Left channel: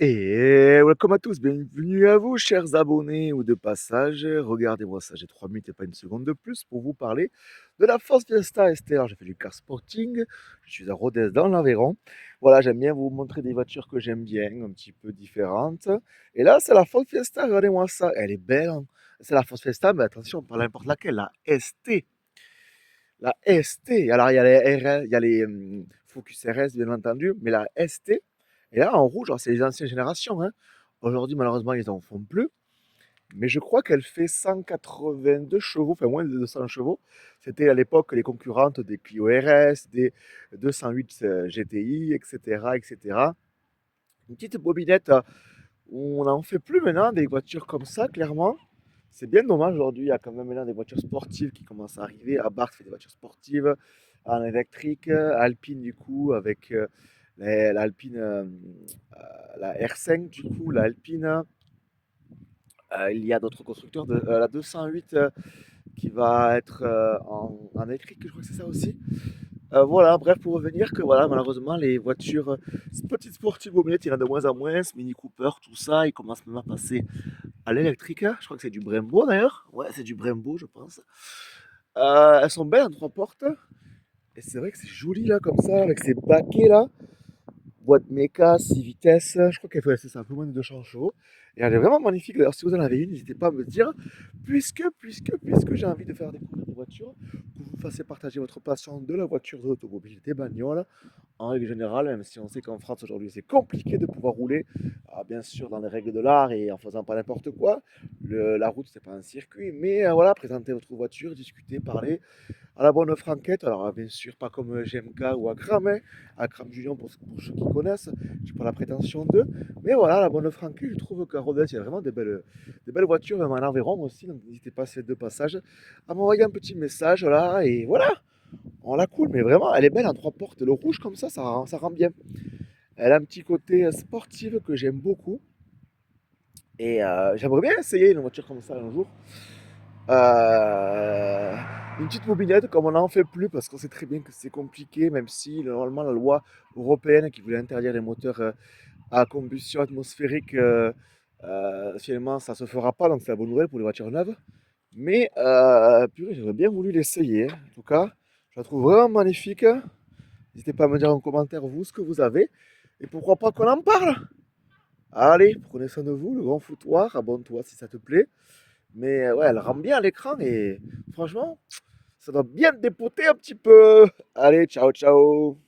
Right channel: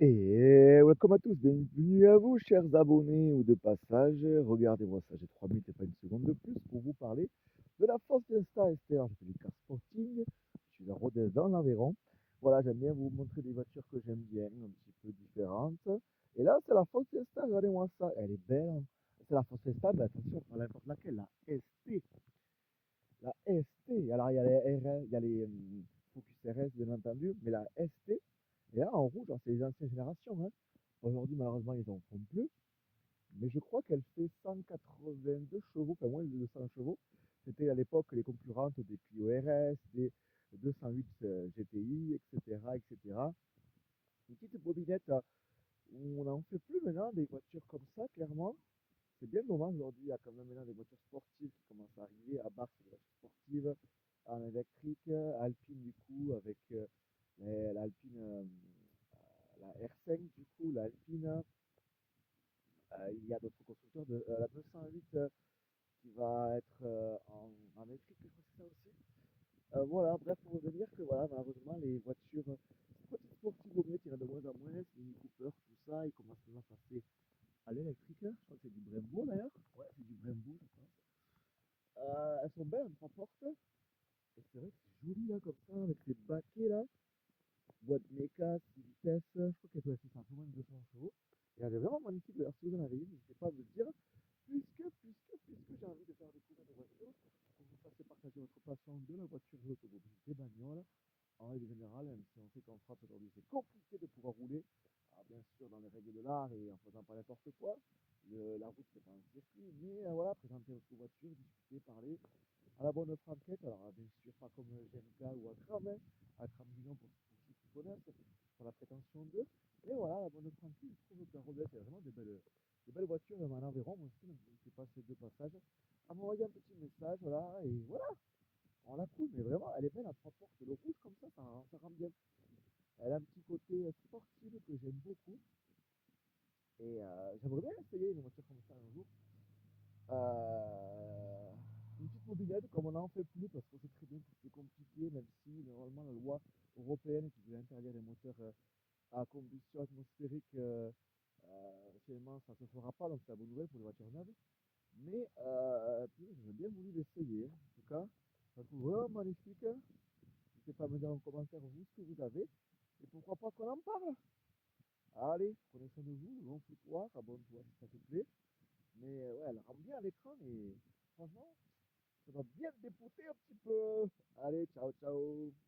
Et welcome à tous, bienvenue à vous, chers abonnés ou de passage. Regardez-moi ça, j'ai 3 minutes et pas une seconde de plus pour vous parler de la Ford Fiesta ST. Alors, j'ai fait du car sporting, je suis à Rodez dans l'Aveyron. Voilà, j'aime bien vous montrer des voitures que j'aime bien, un petit peu différentes. Et là, c'est la Ford Fiesta, regardez-moi ça, elle est belle, hein. C'est la Ford Fiesta, mais attention, pas n'importe laquelle, la ST. La ST, alors il y a les RS, il y a les Focus RS, bien entendu, mais la ST, et là, en rouge, alors c'est les anciennes générations, hein. Aujourd'hui, malheureusement, ils en font plus. Mais je crois qu'elle fait 182 chevaux, enfin moins de 200 chevaux. C'était à l'époque les concurrentes des Clio RS, des 208 GTI, etc., etc. Une petite bobinette où on n'en fait plus maintenant des voitures comme ça, clairement. C'est bien dommage aujourd'hui. Il y a quand même maintenant des voitures sportives qui commencent à arriver. Abarth fait des voitures sportives en électrique. Alpine, du coup, avec l'Alpine, la R5, du coup, l'Alpine. Il y a d'autres constructeurs, la 208 qui va être en électrique, je crois que c'est ça aussi. Voilà, bref, pour revenir que voilà, malheureusement, les voitures petites sportives mobilettes, il y en a de moins en moins. Mini Cooper, tout ça, ils commencent même à passer à l'électrique, hein. Je crois que c'est du Brembo d'ailleurs. Ouais, c'est du Brembo, je pense. Elles sont belles en trois portes. Et c'est vrai que c'est joli là, comme ça, avec ces baquets là. Boîte méca, 6 vitesses, je crois qu'elle fait c'est un peu moins de 200 chevaux. Et elle est vraiment magnifique. D'ailleurs, si vous en avez une, n'hésitez pas à me dire, puisque j'ai envie de faire découvrir des voitures, que vous me fassiez partager votre passion de la voiture, de l'automobile, des bagnoles. En règle générale, même si on sait qu'en France aujourd'hui c'est compliqué de pouvoir rouler, bien sûr dans les règles de l'art et en faisant pas n'importe quoi. La route c'est pas un circuit, mais voilà, présenter votre voiture, discuter, parler, à la bonne franquette. Alors, bien sûr, pas comme GMK ou Akram, hein. Akram Julien, pour ceux qui connaissent, j'ai pas la prétention d'eux. Mais voilà, la bonne franquette, je trouve qu'à Rodez, il y a vraiment des belles voitures, même en Aveyron aussi. Donc, n'hésitez pas, ces deux passages, à m'envoyer un petit message là. Et voilà, on la cool, mais vraiment, elle est belle en trois portes. Le rouge comme ça rend bien. Elle a un petit côté sportif que j'aime beaucoup. Et j'aimerais bien essayer une voiture comme ça un jour. Euh, une petite mobilette, comme on n'en fait plus, parce qu'on sait très bien que c'est compliqué, même si normalement la loi européenne qui voulait interdire les moteurs à combustion atmosphérique, finalement ça se fera pas, donc c'est la bonne nouvelle pour les voitures neuves. Mais purée, j'aurais bien voulu l'essayer, hein. En tout cas, je la trouve vraiment magnifique. N'hésitez pas à me dire en commentaire vous ce que vous avez, et pourquoi pas qu'on en parle. Allez, prenez soin de vous, le grand foutoir, abonne-toi si ça te plaît. Mais ouais, elle rend bien à l'écran et franchement, ça doit bien te dépoter un petit peu. Allez, ciao, ciao.